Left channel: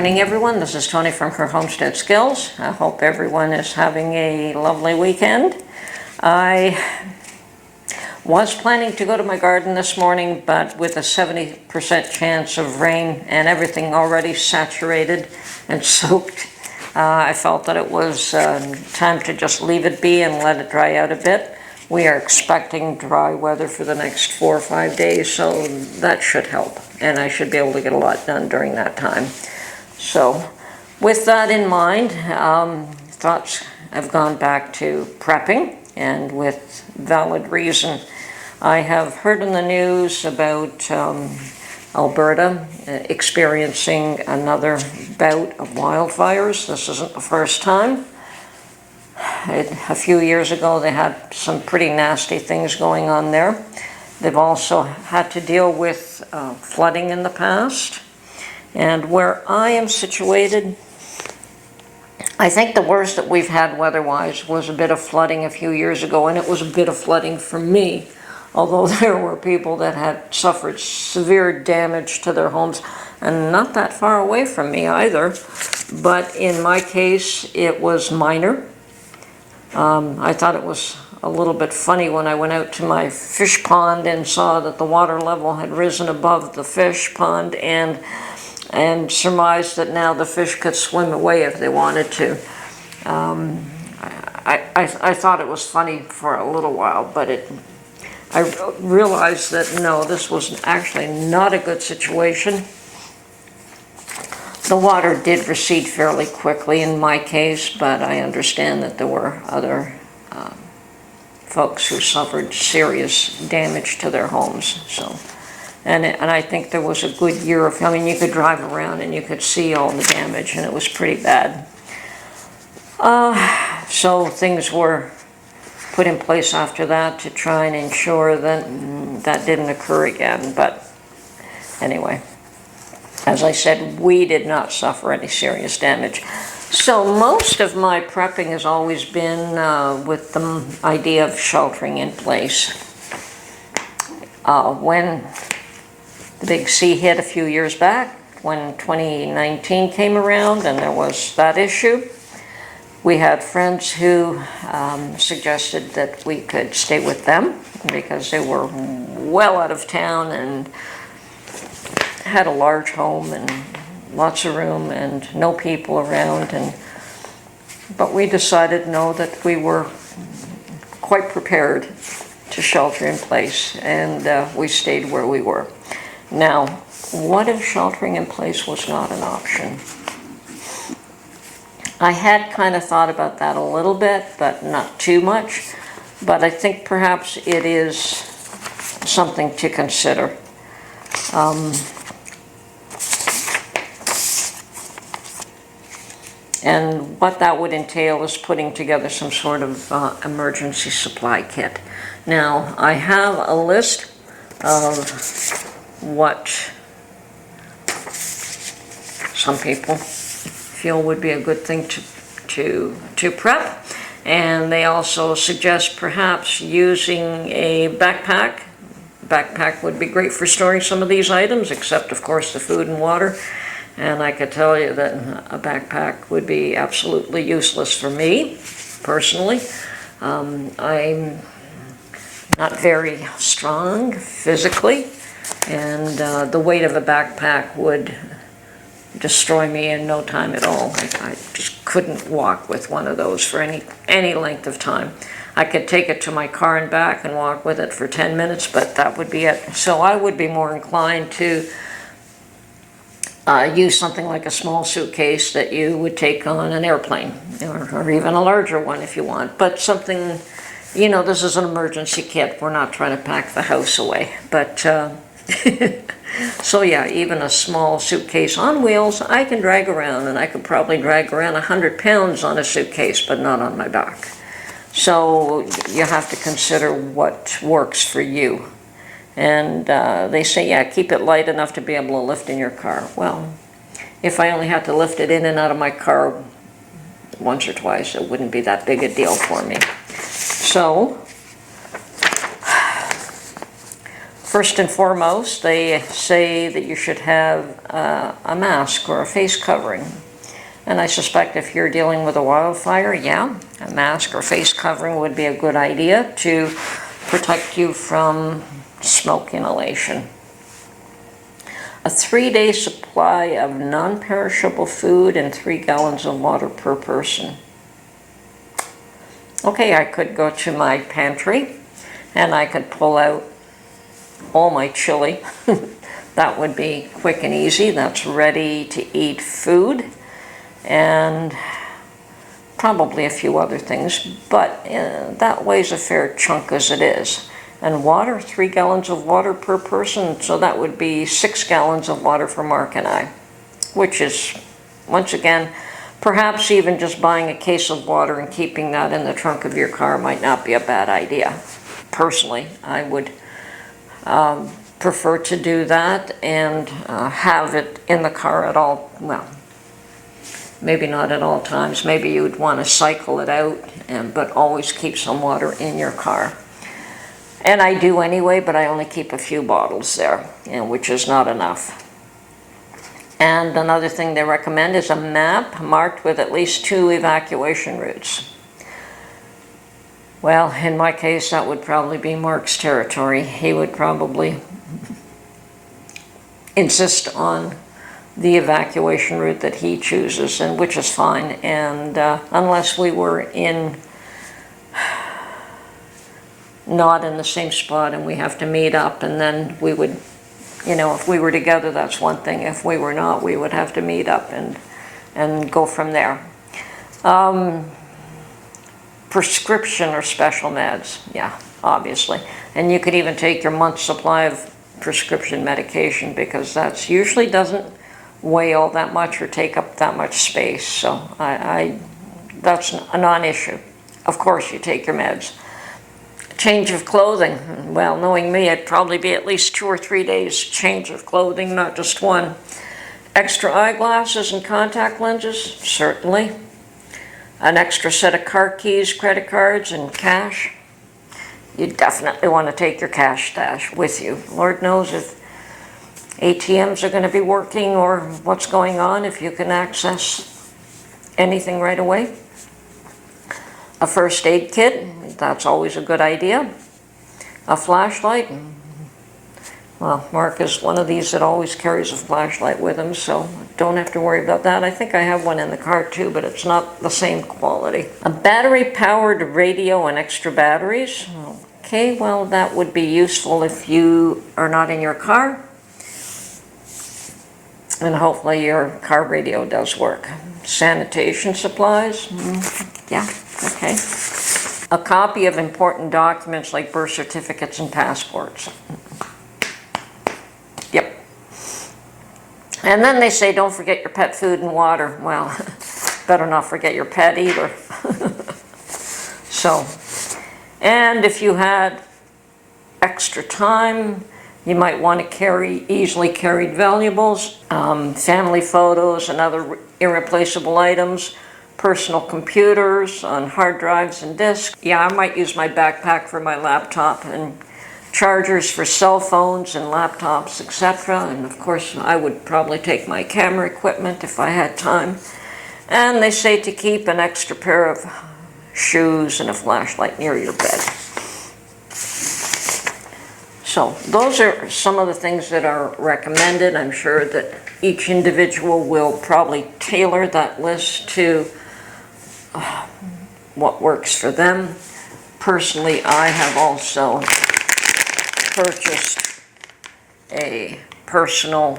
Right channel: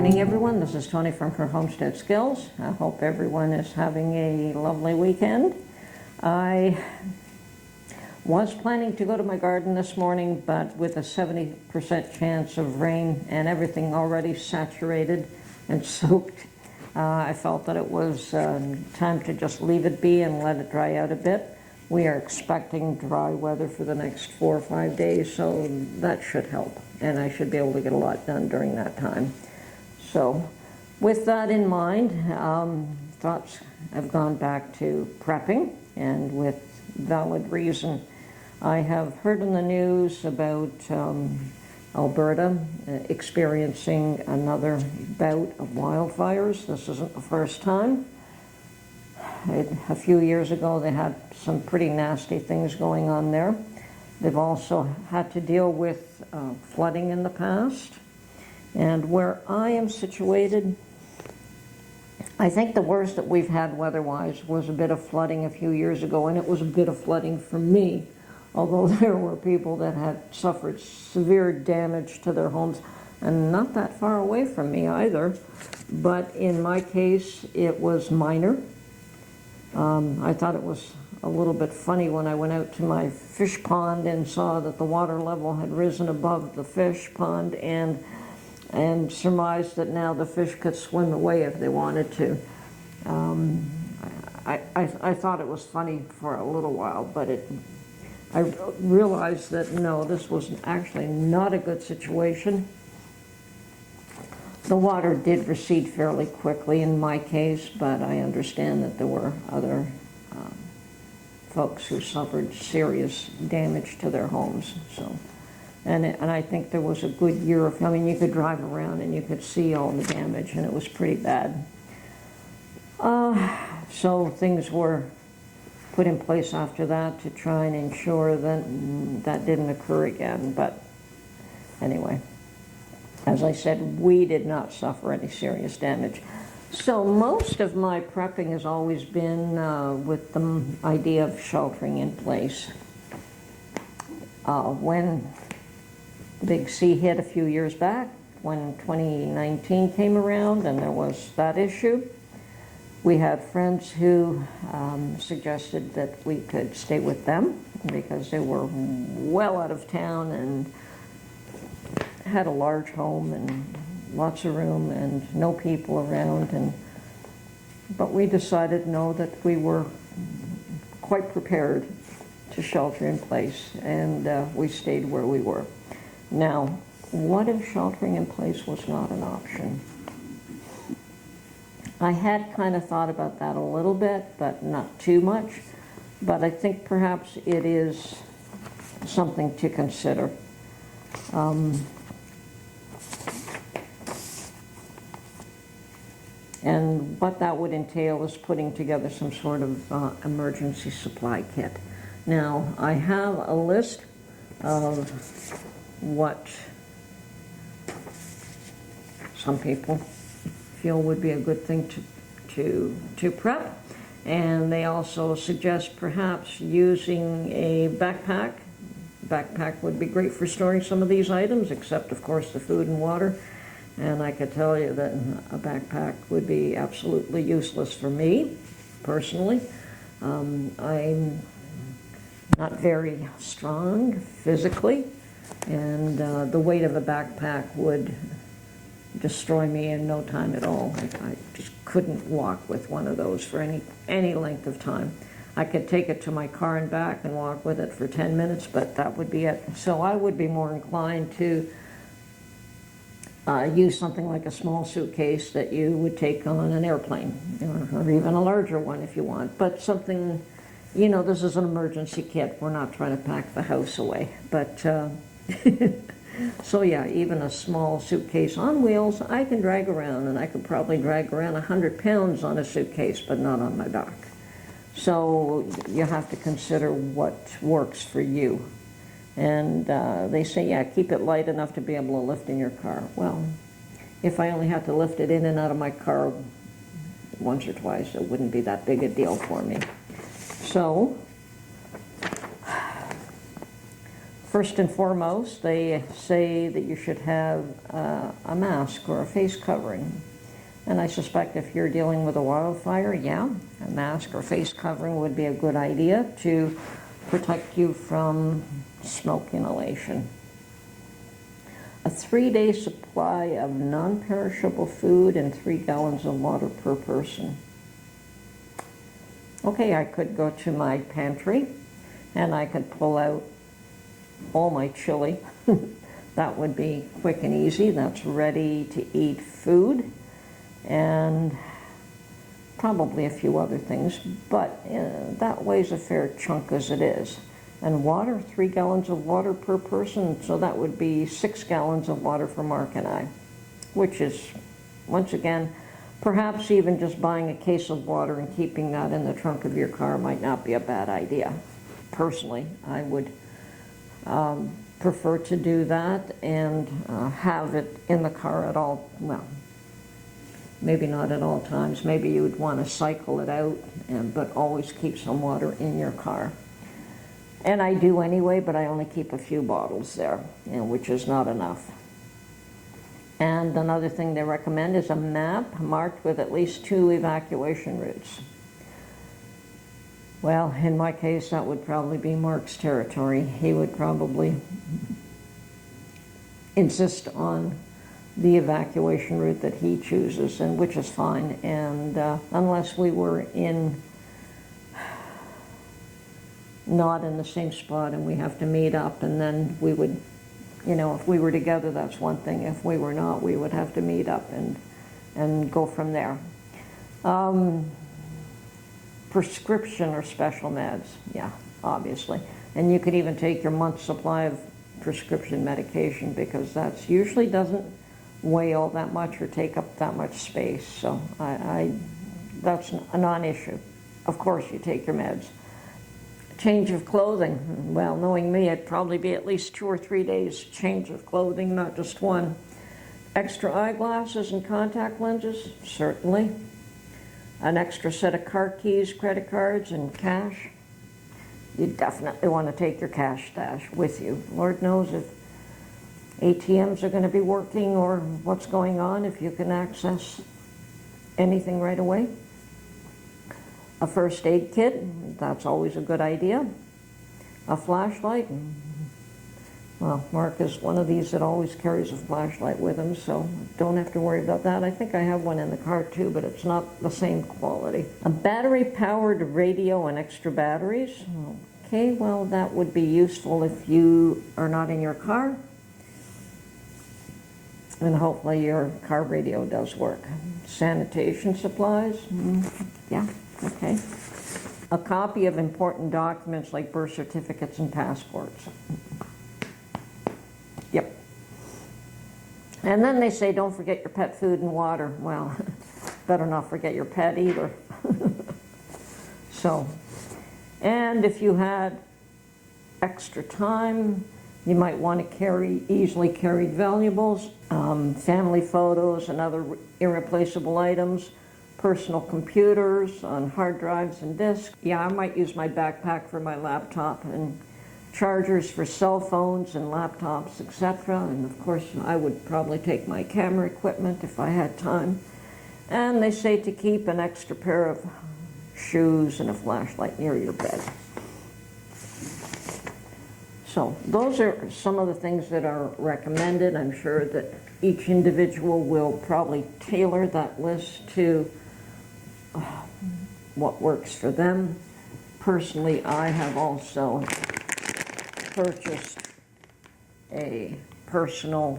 morning, everyone. This is Tony from her Homestead Skills. I hope everyone is having a lovely weekend. I was planning to go to my garden this morning, but with a 70% chance of rain and everything already saturated and soaked, I felt that it was time to just leave it be and let it dry out a bit. We are expecting dry weather for the next 4 or 5 days, so that should help, and I should be able to get a lot done during that time. So with that in mind, thoughts have gone back to prepping, and with valid reason. I have heard in the news about Alberta experiencing another bout of wildfires. This isn't the first time. A few years ago, they had some pretty nasty things going on there. They've also had to deal with flooding in the past. And where I am situated, I think the worst that we've had weather-wise was a bit of flooding a few years ago, and it was a bit of flooding for me, although there were people that had suffered severe damage to their homes, and not that far away from me either. But in my case, it was minor. I thought it was a little bit funny when I went out to my fish pond and saw that the water level had risen above the fish pond, and surmised that now the fish could swim away if they wanted to. I thought it was funny for a little while, but I realized that no, this was actually not a good situation. The water did recede fairly quickly in my case, but I understand that there were other folks who suffered serious damage to their homes. So, and I think there was a good year of, I mean, you could drive around and you could see all the damage, and it was pretty bad. So things were put in place after that to try and ensure that that didn't occur again. But anyway, as I said, we did not suffer any serious damage. So most of my prepping has always been with the idea of sheltering in place. When the big sea hit a few years back, when 2019 came around and there was that issue, we had friends who suggested that we could stay with them because they were well out of town and had a large home and lots of room and no people around. But we decided no, that we were quite prepared to shelter in place, and we stayed where we were. Now, what if sheltering in place was not an option? I had kind of thought about that a little bit, but not too much. But I think perhaps it is something to consider. And what that would entail is putting together some sort of emergency supply kit. Now, I have a list of what some people feel would be a good thing to prep, and they also suggest perhaps using a backpack. Backpack would be great for storing some of these items, except of course the food and water. And I could tell you that a backpack would be absolutely useless for me, personally. I'm not very strong physically, and the weight of a backpack would destroy me in no time at all. I just couldn't walk with one of those for any length of time. I could take it to my car and back and walk with it for 10 minutes, but that would be it. So I would be more inclined to use something like a small suitcase that you would take on an airplane, or even a larger one if you want. But something, you know, this is an emergency kit. We're not trying to pack the house away. But, so yeah, even a small suitcase on wheels, I can drag around, and I could probably drag around 100 pounds on a suitcase, but not on my back. So you have to consider what works for you. And they say, yeah, keep it light enough to be able to lift in your car. Well, if I only had to lift it in and out of my car once or twice, it wouldn't be that big a deal for me. So First and foremost, they say that you should have a mask or a face covering. And I suspect if you're dealing with a wildfire, yeah, a mask or face covering would be a good idea to protect you from smoke inhalation. A 3-day supply of non-perishable food and 3 gallons of water per person. Okay, I could go to my pantry and I could pull out all my chili. That would be quick and easy. That's ready to eat food, and probably a few other things, but that weighs a fair chunk as it is. And water, 3 gallons of water per person, so that would be 6 gallons of water for Mark and I, which is, once again, perhaps even just buying a case of water and keeping that in the trunk of your car might not be a bad idea. Personally, I would prefer to do that and have it in the car at all, well, maybe not at all times. Maybe you would want to cycle it out, but always keep some water in your car. And I do anyway, but I only keep a few bottles there, which is not enough. And another thing they recommend is a map marked with at least 2 evacuation routes. Well, in my case, that would probably be Mark's territory. He would probably insist on the evacuation route that he chooses, and which is fine. And unless we were not in the same spot and we have to meet up, and then we would, if we were together, that's one thing. If we were not, we would have to meet up and go from there. Prescription or special meds, yeah, obviously. And you could even take your month's supply of prescription medication, because that usually doesn't weigh all that much or take up that much space. So that's a non-issue. Of course, you take your meds. Change of clothing. Well, knowing me, it'd probably be at least 2 or 3 days change of clothing, not just one. Extra eyeglasses and contact lenses, certainly. An extra set of car keys, credit cards, and cash. You definitely want to take your cash stash with you. Lord knows if ATMs are going to be working or what's going on, if you can access anything right away. A first aid kit, that's always a good idea. A flashlight. Well, Mark is one of these that always carries a flashlight with him, so don't have to worry about that. I think I have one in the car too, but it's not the same quality. A battery-powered radio and extra batteries. Okay, well, that would be useful if you are not in your car. And hopefully your car radio does work. Sanitation supplies. Yeah, okay. A copy of important documents like birth certificates and passports. Yep. And then they say don't forget your pet food and water. Well, better not forget your pet either. So, and if you had extra time, you might want to carry easily carried valuables, family photos and other irreplaceable items, personal computers on hard drives and disks. Yeah, I might use my backpack for my laptop, and chargers for cell phones and laptops, etc. And of course, I would probably take my camera equipment if I had time. And they say to keep an extra pair of shoes and a flashlight near your bed. So those are some of the things that are recommended. I'm sure that each individual will probably tailor that list to what works for them. Personally, I have also purchased a professional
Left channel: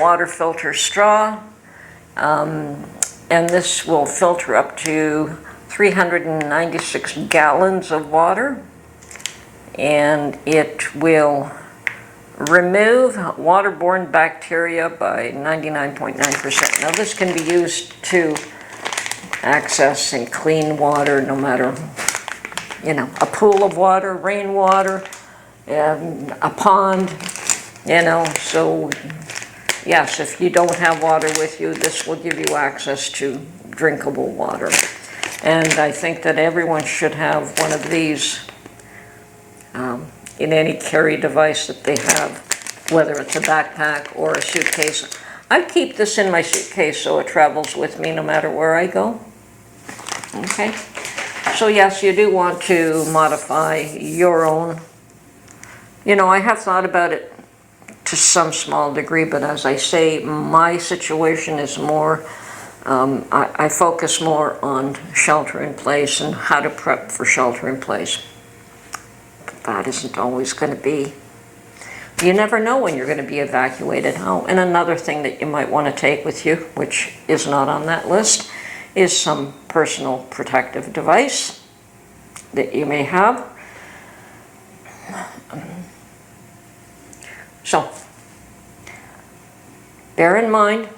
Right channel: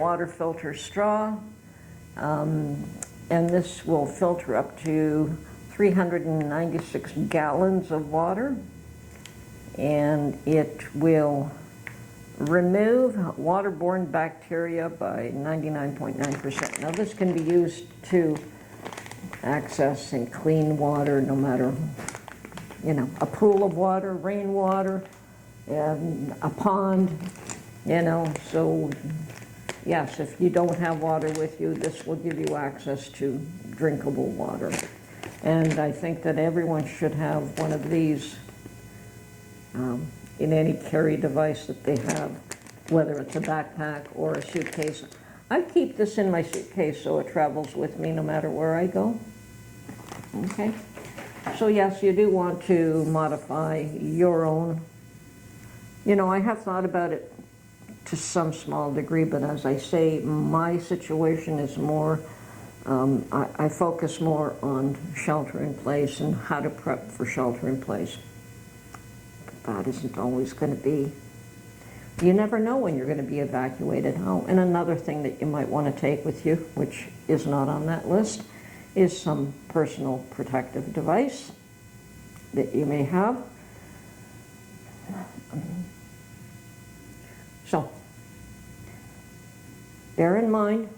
water filter straw, and this will filter up to 396 gallons of water, and it will remove waterborne bacteria by 99.9%. Now this can be used to access and clean water, no matter, a pool of water, rainwater, a pond, so yes, if you don't have water with you, this will give you access to drinkable water. And I think that everyone should have one of these in any carry device that they have, whether it's a backpack or a suitcase. I keep this in my suitcase so it travels with me no matter where I go. Okay, so yes, you do want to modify your own. You know, I have thought about it to some small degree, but as I say, my situation is more, I focus more on shelter in place and how to prep for shelter in place. But that isn't always going to be. You never know when you're going to be evacuated. Oh, and another thing that you might want to take with you, which is not on that list, is some personal protective device that you may have. So, bear in mind,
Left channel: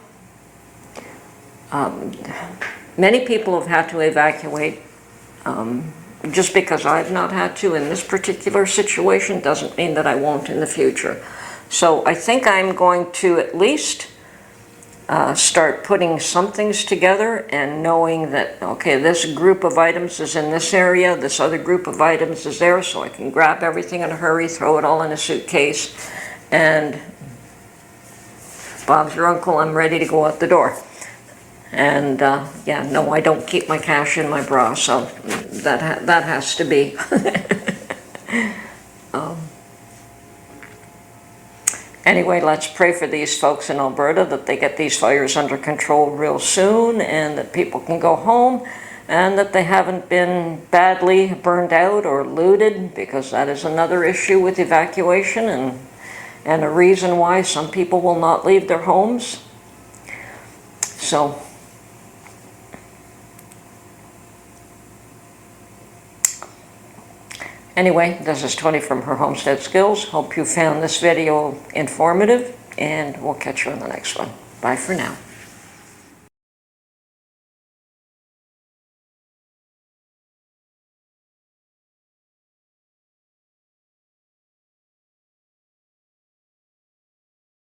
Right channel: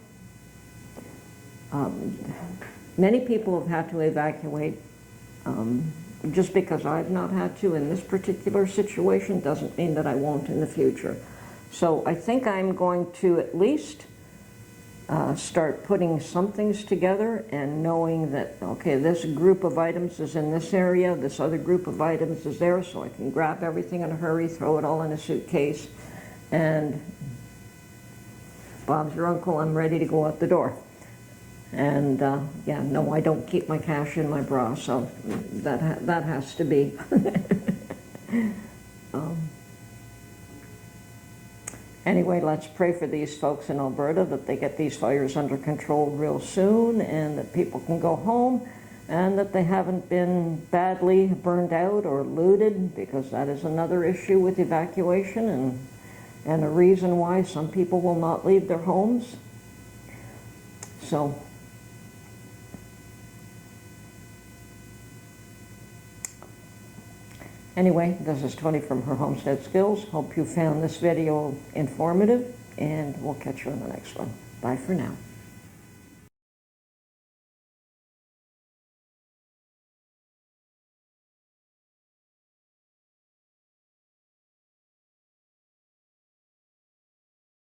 many people have had to evacuate. Just because I've not had to in this particular situation doesn't mean that I won't in the future. So I think I'm going to at least start putting some things together and knowing that, okay, this group of items is in this area, this other group of items is there, so I can grab everything in a hurry, throw it all in a suitcase, and Bob's your uncle, I'm ready to go out the door. And yeah, no, I don't keep my cash in my bra, so that has to be. Anyway, let's pray for these folks in Alberta that they get these fires under control real soon and that people can go home and that they haven't been badly burned out or looted, because that is another issue with evacuation and a reason why some people will not leave their homes. So, anyway, this is Tony from Her Homestead Skills. Hope you found this video informative, and we'll catch you on the next one. Bye for now.